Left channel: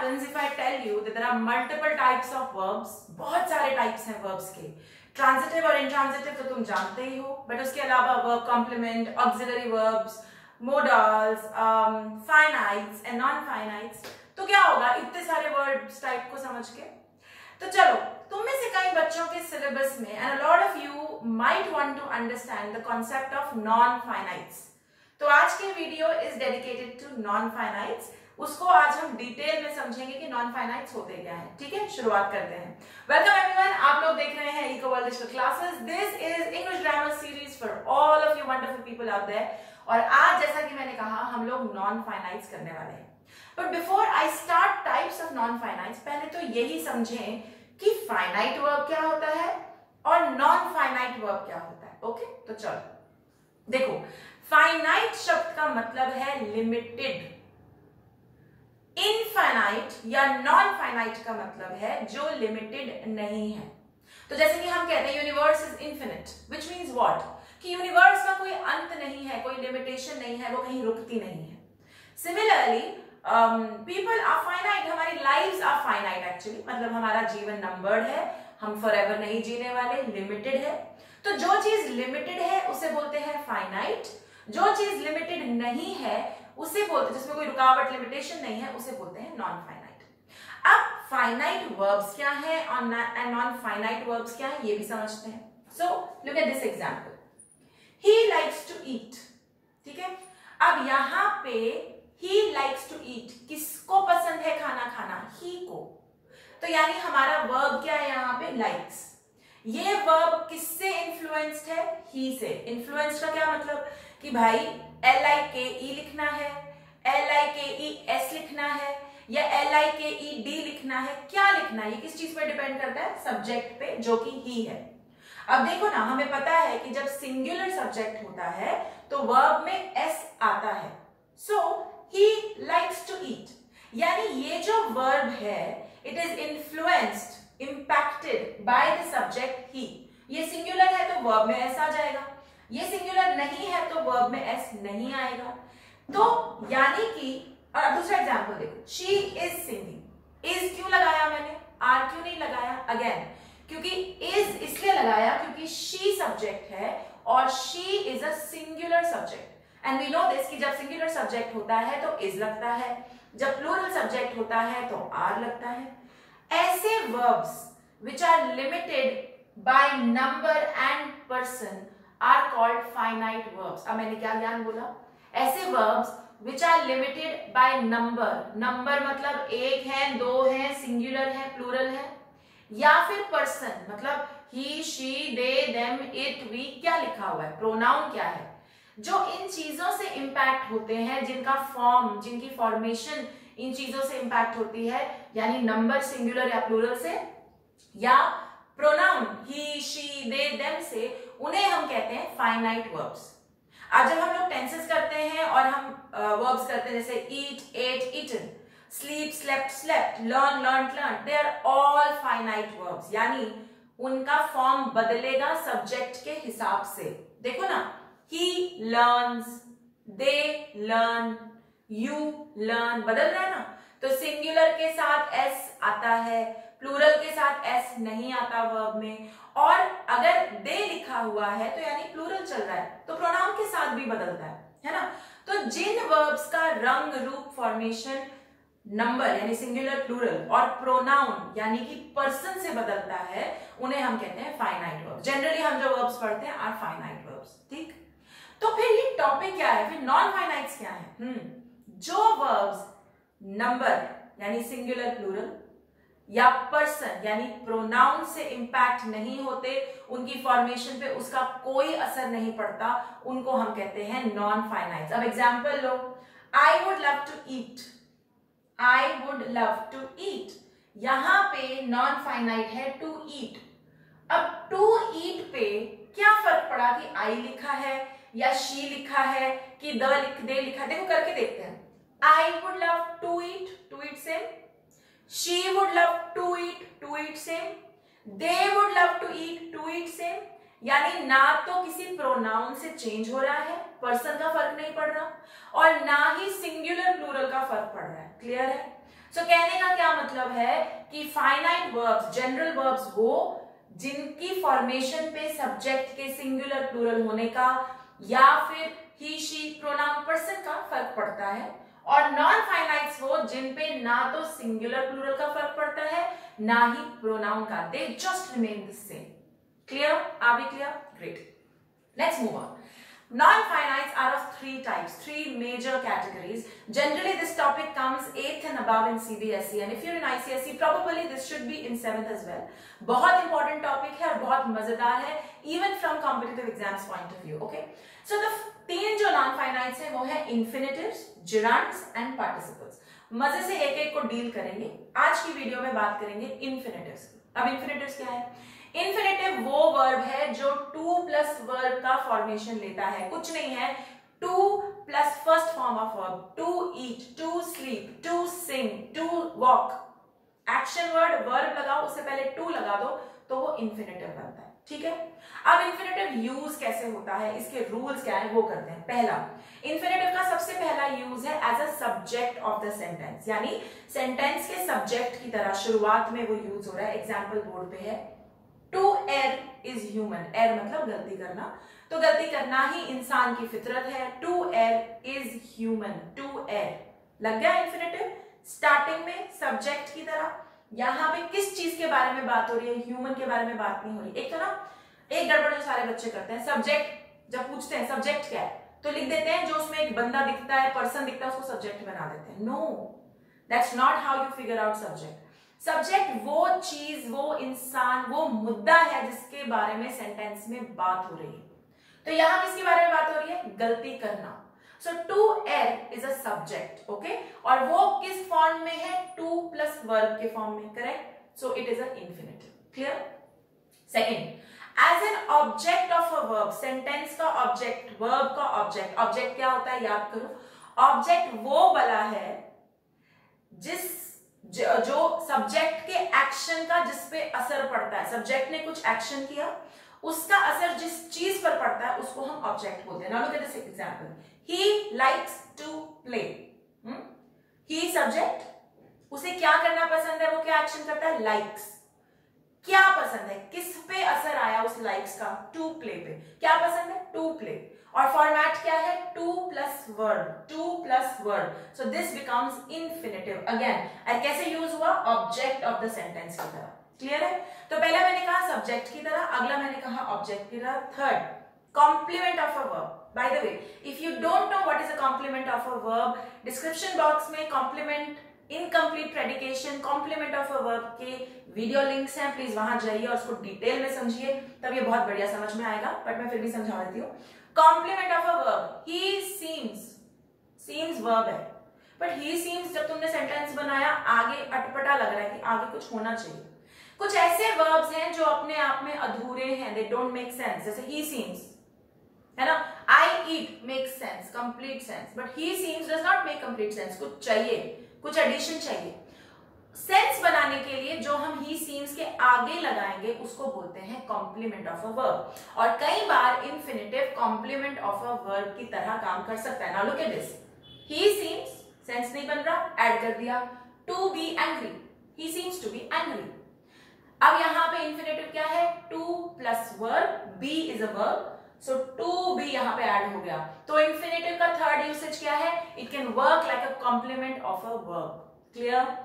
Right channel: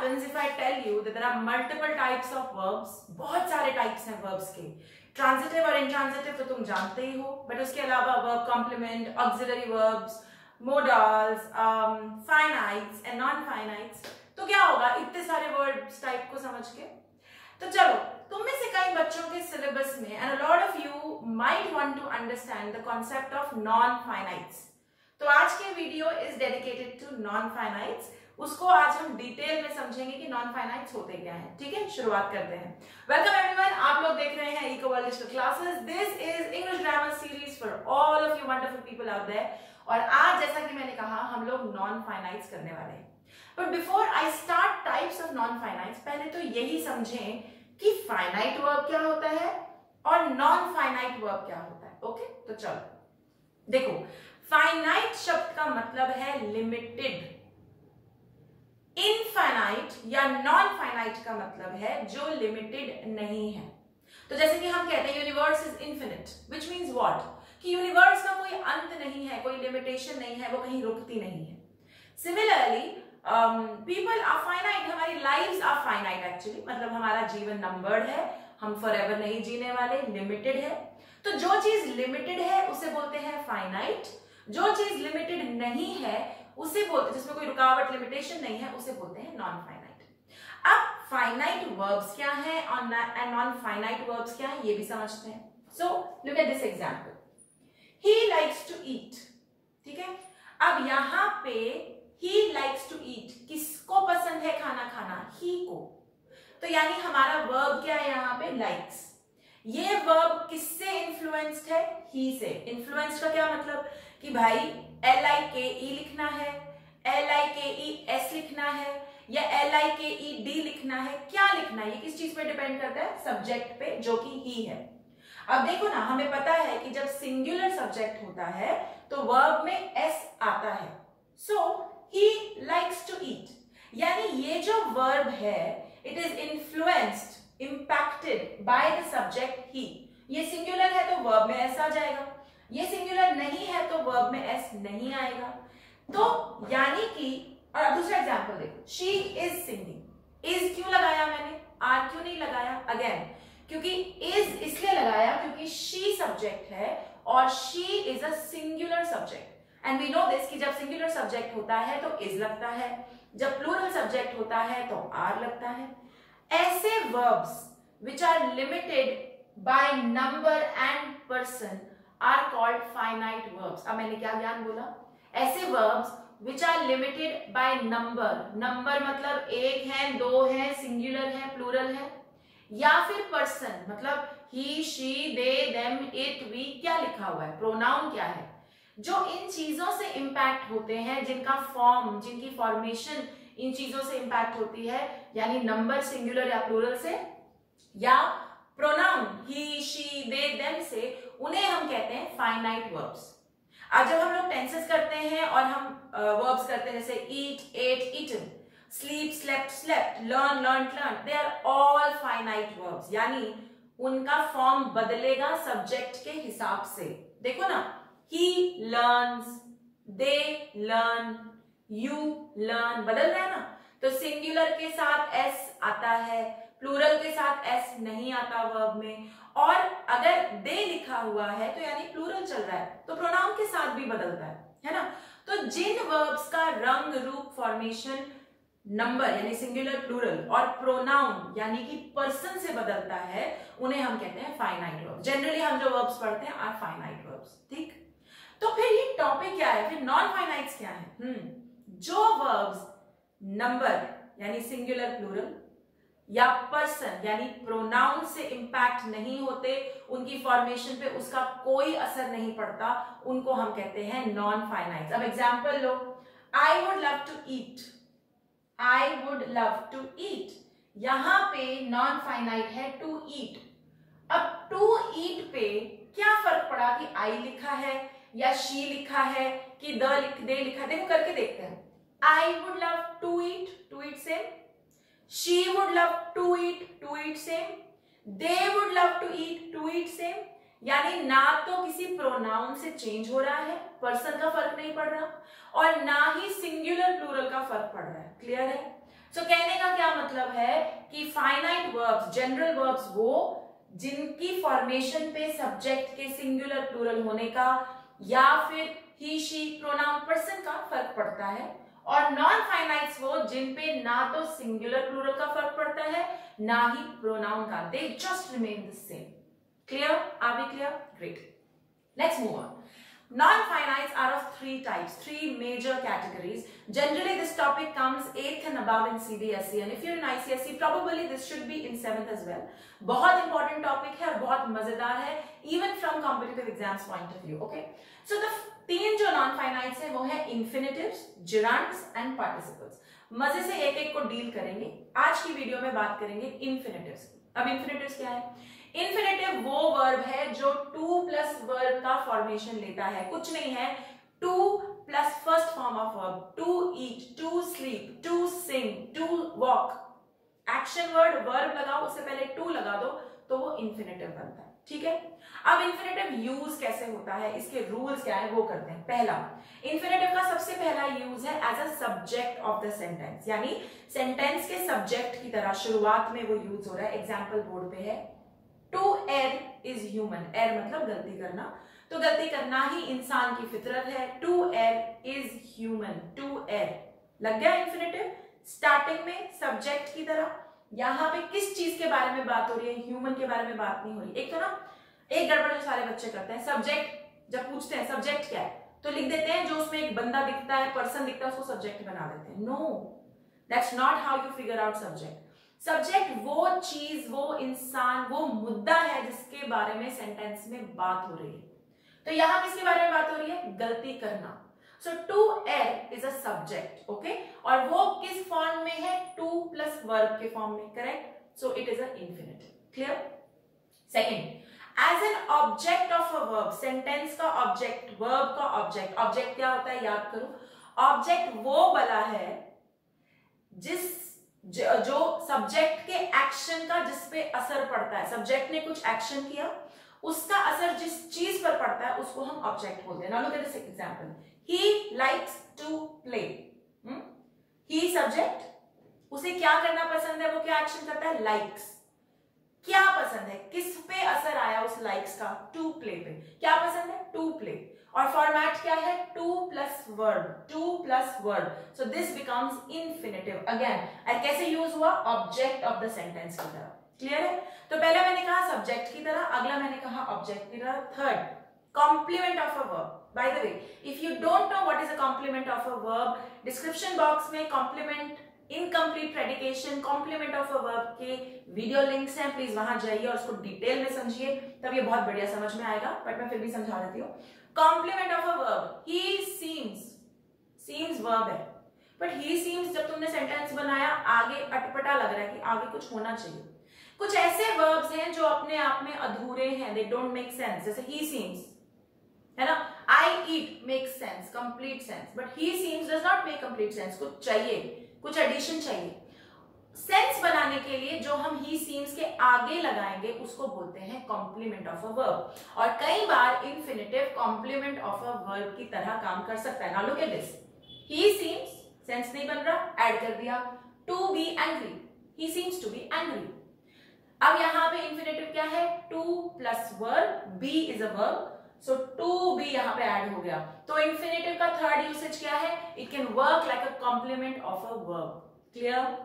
happens if I tell you that there are multiple types of verbs? बहुत सारे types हैं verbs के. Transitive और intransitive तो तुम जानते ही हो, but उसके अलावा verb complement, auxiliary verbs, modals, finites and non-finites. तो क्या होगा इतने सारे verbs type को समझ के? तो चलो, तुम में से कई बच्चों के सिलेबस में and a lot of you might want to understand the concept of non-finites. तो आज के video is dedicated to non-finites. उसको आज हम डिटेल में समझेंगे कि non-finites होते क्या हैं. ठीक है, शुरुआत करते हैं. वेलकम एवरीवन, आप लोग देख रहे हैं Eco World Digital Classes. This is English grammar series for all of you wonderful people out there. और आज जैसा कि मैंने कहा हम लोग non-finites करने वाले हैं. But before I start types of non-finites, पहले तो यही समझें कि फाइनाइट वर्ब क्या होता है और non-finite वर्ब क्या होता है. ओके, तो चलो देखो, फाइनाइट शब्द का मतलब है लिमिटेड. इनफाइनाइट या नॉन फाइनाइट का मतलब है जो लिमिटेड नहीं है. तो जैसे कि हम कहते हैं universe is infinite, which means what, कि यूनिवर्स का कोई अंत नहीं है, कोई लिमिटेशन नहीं है, वो कहीं रुकती नहीं है. सिमिलरली पीपल आर फाइनाइट, हमारी लाइव्स आर फाइनाइट एक्चुअली, मतलब हमारा जीवन नंबर्ड है, हम फॉरएवर नहीं जीने वाले, लिमिटेड है. तो जो चीज लिमिटेड है उसे बोलते हैं फाइनाइट, जो चीज लिमिटेड नहीं है उसे बोलते हैं, जिसमें कोई रुकावट लिमिटेशन नहीं है, उसे बोलते हैं नॉन फाइनाइट. अब फाइनाइट वर्ब्स क्या है और नॉन फाइनाइट वर्ब्स क्या है ये भी समझते हैं. So look at this example, he likes to eat. ठीक है, अब यहां पे ही लाइक्स टू ईट, किसको पसंद है खाना खाना? ही को. तो यानी हमारा वर्ब क्या है यहाँ पे? लाइक्स. ये वर्ब किससे इन्फ्लुएंस्ड है? ही से. इन्फ्लुएंस्ड का क्या मतलब कि भाई LIKE लिखना है, LIKES लिखना है या LIKED लिखना है, क्या लिखना है, ये किस चीज पे डिपेंड करता है? सब्जेक्ट पे, जो कि ही है. अब देखो ना, हमें पता है कि जब सिंगुलर सब्जेक्ट होता है तो वर्ब में S आता है. सो ही लाइक्स टू ईट, यानी ये जो वर्ब है it is influenced, impacted by the subject he. ये सिंगुलर है तो वर्ब में s आ जाएगा, ये सिंगुलर नहीं है तो वर्ब में s नहीं आएगा. तो यानी कि, और दूसरा एग्जांपल देखो, she is singing. is क्यों लगाया मैंने, are क्यों नहीं लगाया? अगेन क्योंकि is इसलिए लगाया क्योंकि she सब्जेक्ट है और she is a singular subject. and we know this कि जब सिंगुलर सब्जेक्ट होता है तो is लगता है, जब प्लूरल सब्जेक्ट होता है तो are लगता है. ऐसे verbs which are limited by number and person are called finite verbs. अब मैंने क्या ज्ञान बोला? ऐसे verbs which are limited by number, number मतलब एक है, दो है, सिंगुलर है, प्लूरल है, या फिर person मतलब he, she, they, them, it, we, क्या लिखा हुआ है, प्रोनाउन क्या है, जो इन चीजों से इंपैक्ट होते हैं, जिनका फॉर्म, जिनकी फॉर्मेशन इन चीजों से इंपैक्ट होती है, यानी नंबर सिंगुलर या प्लूरल से या pronoun he, she, they, them से, उन्हें हम कहते हैं फाइनाइट वर्ब्स. आज जब हम लोग टेंसेस करते हैं और हम वर्ब्स करते हैं जैसे eat, ate, eaten, sleep, slept, slept, learn, learned, learn, they are all finite verbs, यानी उनका फॉर्म बदलेगा सब्जेक्ट के हिसाब से. देखो ना, he learns, they learn, you learn, बदल रहा है ना. तो सिंगुलर के साथ s आता है, प्लूरल के साथ s नहीं आता वर्ब में, और अगर दे लिखा हुआ है तो यानी प्लूरल चल रहा है तो प्रोनाउन के साथ भी बदलता है ना. तो जिन वर्ब्स का रंग, रूप, फॉर्मेशन नंबर यानी सिंगुलर, प्लूरल और प्रोनाउन यानी कि पर्सन से बदलता है, उन्हें हम कहते हैं फाइनाइट वर्ब्स. जनरली हम जो वर्ब्स पढ़ते हैं आर फाइनाइट वर्ब्स. ठीक, तो फिर ये टॉपिक क्या है, फिर नॉन फाइनाइट्स क्या है? जो वर्ब्स नंबर यानी सिंगुलर, प्लूरल या पर्सन यानी प्रोनाउन से इंपैक्ट नहीं होते, उनकी फॉर्मेशन पे उसका कोई असर नहीं पड़ता, उनको हम कहते हैं नॉन फाइनाइट्स. अब एग्जांपल लो, I would love to eat, I would love to eat, यहां पे नॉन फाइनाइट है टू ईट. अब टू ईट पे क्या फर्क पड़ा कि आई लिखा है या शी लिखा है कि दे लिखा है? देखो करके देखते हैं. I would love to eat same. She would love to eat same. They would love to eat same. यानी ना तो किसी प्रोनाउन से चेंज हो रहा है, पर्सन का फर्क नहीं पड़ रहा, और ना ही सिंगुलर प्लूरल का फर्क पड़ रहा है. क्लियर है? सो कहने का क्या मतलब है कि फाइनाइट वर्ब्स, जनरल वर्ब्स वो जिनकी फॉर्मेशन पे सब्जेक्ट के सिंगुलर प्लूरल होने का या फिर ही शी प्रोनाउन पर्सन का फर्क पड़ता है, और नॉन फाइनाइट्स वो जिन पे ना तो सिंगुलर प्लूरल का फर्क पड़ता है ना ही प्रोनाउन का, they just remain the same. Clear? Are we clear? Great, let's move on. Non-finites are of three types, three major categories. Generally, this topic comes 8th and above in CBSE, and if you're in ICSE, probably this should be in 7th as well. बहुत important topic है और बहुत मजेदार है, even from competitive exams point of view. Okay, so the तीन जो non-finites है वो है infinitives, gerunds and participles. मजे से एक एक को डील करेंगे। आज की वीडियो में बात करेंगे infinitives। अब infinitives क्या है? इन्फिनेटिव वो वर्ब है जो टू प्लस वर्ब का फॉर्मेशन लेता है, कुछ नहीं है, to plus first form of verb, to eat, to sleep, to sing, to walk, action word verb लगाओ उससे पहले टू लगा दो तो वो इन्फिनेटिव बनता है। ठीक है, अब इन्फिनेटिव यूज कैसे होता है, इसके रूल्स क्या है वो करते हैं। पहला, इन्फिनेटिव का सबसे पहला यूज है as a subject of the sentence, यानी सेंटेंस के सब्जेक्ट की तरह शुरुआत में वो यूज हो रहा है। एग्जाम्पल बोर्ड पे है, to err is human, err मतलब गलती करना, तो गलती करना ही इंसान की फितरत है। To err is human, to err लग गया इन्फिनेटिव स्टार्टिंग में सब्जेक्ट की तरह। यहां पे किस चीज के बारे में बात हो रही है, ह्यूमन के बारे में बात नहीं हो रही। एक तो ना एक गड़बड़ जो सारे बच्चे करते हैं, सब्जेक्ट जब पूछते हैं सब्जेक्ट क्या है तो लिख देते हैं जो उसमें एक बंदा दिखता है, पर्सन दिखता है, उसको सब्जेक्ट बना देते हैं। No, that's not how you figure out subject. Subject वो चीज, वो इंसान, वो मुद्दा है जिसके बारे में सेंटेंस में बात हो रही है। तो यहां किसके बारे में बात हो रही है? गलती करना। So to err is a subject, okay, और वो किस फॉर्म में है? टू प्लस वर्ब के फॉर्म में, correct? So it is a infinitive. Clear? Second, as an object of a verb, sentence का ऑब्जेक्ट, वर्ब का ऑब्जेक्ट। ऑब्जेक्ट क्या होता है याद करो, ऑब्जेक्ट वो बला है जो सब्जेक्ट के एक्शन का जिस पे असर पड़ता है, सब्जेक्ट ने कुछ एक्शन किया, उसका असर जिस चीज पर पड़ता है उसको हम ऑब्जेक्ट बोलते हैं। Now look at this example, he likes to play. He subject, उसे क्या करना पसंद है, वो क्या एक्शन करता है? लाइक्स। क्या पसंद है, किस पे असर आया उस लाइक्स का? टू प्ले पे। क्या पसंद है? To play. और फॉर्मेट क्या है? To plus verb, to plus verb. So this becomes infinitive again. और कैसे यूज हुआ? ऑब्जेक्ट ऑफ द सेंटेंस की तरह। क्लियर है? तो पहला मैंने कहा सब्जेक्ट की तरह, अगला मैंने कहा ऑब्जेक्ट की तरह। Third, complement of a verb. By the way, if you don't know what is a complement of a verb, description box में complement, incomplete predication, complement of a verb के वीडियो लिंक्स हैं, please वहां जाइए और उसको detail में समझिए, तब ये बहुत बढ़िया समझ में आएगा, बट मैं फिर भी समझा देती हूँ। Complement of a verb, he seems, seems verb है, बट ही सीम्स जब तुमने सेंटेंस बनाया आगे अटपटा लग रहा है कि आगे कुछ होना चाहिए। कुछ ऐसे वर्ब्स हैं जो अपने आप में अधूरे हैं, दे डोंट मेक सेंस, जैसे ही सीम्स है ना, I eat makes sense, complete sense, but he seems does not make complete sense, कुछ चाहिए, कुछ एडिशन चाहिए। सेंस बनाने के लिए जो हम ही सीम्स के आगे लगाएंगे उसको बोलते हैं कॉम्प्लीमेंट ऑफ अ वर्ब, और कई बार infinitive complement of a verb की तरह काम कर सकता है। Now look at this, he seems, sense नहीं बन रहा, ऐड कर दिया, to be angry, he seems to be angry. अब यहां पे इन्फिनिटिव क्या है? To plus verb, be is a verb, so to be यहां पे ऐड हो गया। तो इन्फिनिटिव का थर्ड यूसेज क्या है? It can work like a complement of a verb. Clear?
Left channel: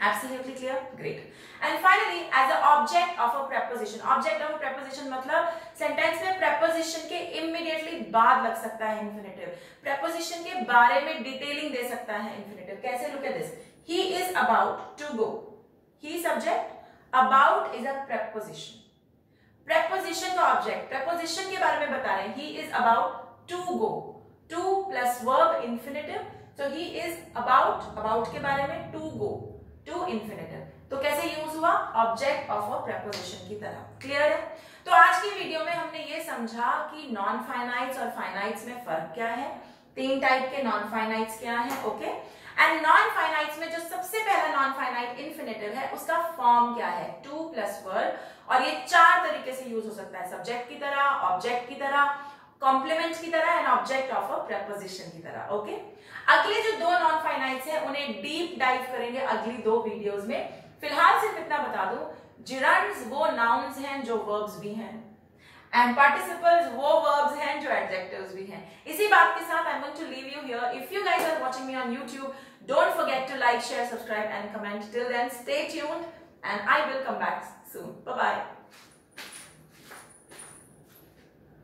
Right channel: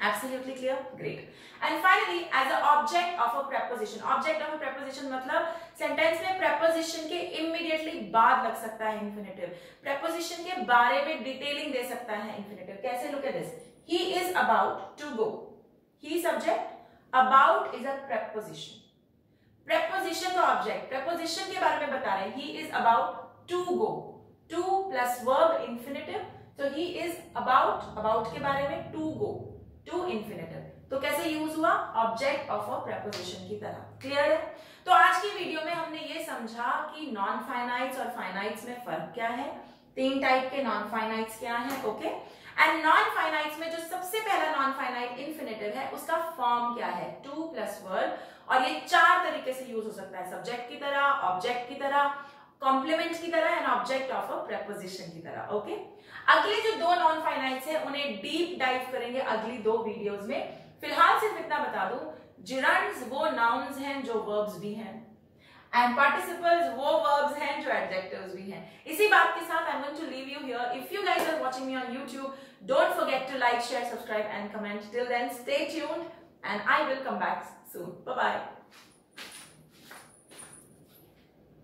Absolutely clear? Great. And finally, as an object of a preposition. Object of a preposition मतलब sentence में preposition के immediately बाद लग सकता है infinitive. Preposition के बारे में डिटेलिंग दे सकता है infinitive. कैसे? Look at this. He is about to go. He subject. About is a preposition. Preposition का object. Preposition के बारे में बता रहे हैं. He is about to go. To plus verb infinitive. So he is about के बारे में to go. टू इन्फिनिटिव, तो कैसे यूज हुआ? ऑब्जेक्ट ऑफ अ प्रेपोजिशन की तरह। क्लियर है? तो आज की वीडियो में हमने ये समझा कि नॉन फाइनाइट्स और फाइनाइट्स में फर्क क्या है, तीन टाइप के नॉन फाइनाइट्स क्या है, ओके। एंड नॉन फाइनाइट्स में जो सबसे पहला नॉन फाइनाइट इन्फिनिटिव है उसका फॉर्म क्या है? टू प्लस वर्ब, और ये चार तरीके से यूज हो सकता है, सब्जेक्ट की तरह, ऑब्जेक्ट की तरह, कॉम्प्लीमेंट की तरह and object of a preposition की तरह, ओके। अगले जो दो नॉन फाइनाइट्स है उन्हें पे डीप डाइव करेंगे अगली 2 वीडियोस में। फिलहाल सिर्फ इतना बता दूं, जिरंड्स वो नाउन्स हैं जो वर्ब्स भी हैं, एंड पार्टिसिपल्स वो वर्ब्स हैं जो एडजेक्टिव्स भी हैं। इसी बात के साथ I am going to leave you here. If you guys are watching me on YouTube, don't forget to like, share, subscribe and comment. Till then, stay tuned and I will come back soon. Bye bye.